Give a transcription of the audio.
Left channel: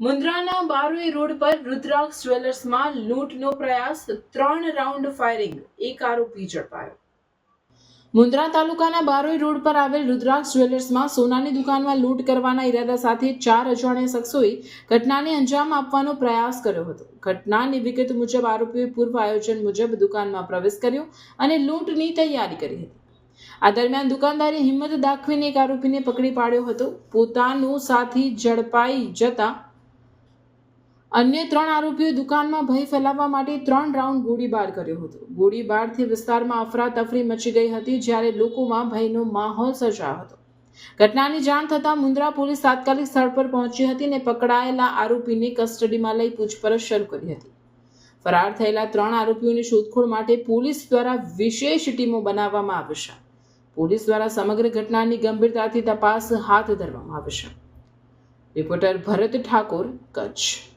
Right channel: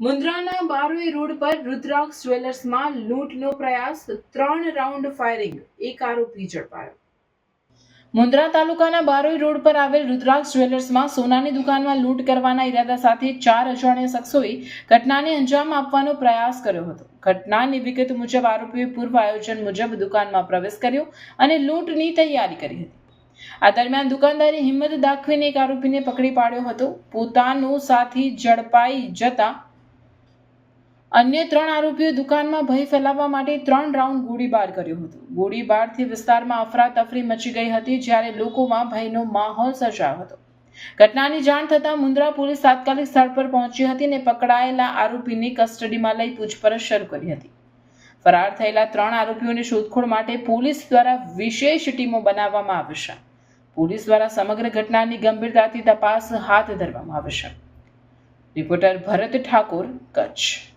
મુન્દ્રાના Baroi road પર રુદ્રાક્ષ જ્વેલર્સમાં લૂંટનો પ્રયાસ, 3 round firing, એક આરોપી ઝડપાયો. મુન્દ્રા તાલુકાના બારોઈ રોડ પર આવેલ રુદ્રાક્ષ જ્વેલર્સમાં સોનાની દુકાનમાં લૂંટ કરવાના ઈરાદા સાથે 4 અજાણ્યા શખ્સોએ ઘટનાને અંજામ આપવાનો પ્રયાસ કર્યો હતો. ઘટનાની વિગત મુજબ આરોપીઓએ પૂર્વ આયોજન મુજબ દુકાનમાં પ્રવેશ કર્યો અને લૂંટની તૈયારી કરી હતી. આ દરમિયાન દુકાનદારે હિંમત દાખવીને એક આરોપીને પકડી પાડ્યો હતો. પોતાનો સાથી ઝડપાઈ જતા અન્ય 3 આરોપીઓએ દુકાનમાં ભય ફેલાવવા માટે 3 રાઉન્ડ ગોળીબાર કર્યો હતો. ગોળીબારથી વિસ્તારમાં અફરાતફરી મચી ગઈ હતી, જ્યારે લોકોમાં ભયનો માહોલ સર્જાયો હતો. ઘટનાની જાણ થતાં મુન્દ્રા પોલીસ તાત્કાલિક સ્થળ પર પહોંચી હતી અને પકડાયેલા આરોપીને કસ્ટડીમાં લઈ પૂછપરછ શરૂ કરી હતી. ફરાર થયેલા 3 આરોપીઓની શોધખોળ માટે પોલીસ દ્વારા વિશેષ ટીમો બનાવવામાં આવશે. પોલીસ દ્વારા સમગ્ર ઘટનાની ગંભીરતાથી તપાસ હાથ ધરવામાં આવશે. રિપોર્ટર ભરત ઠાકોર, કચ્છ.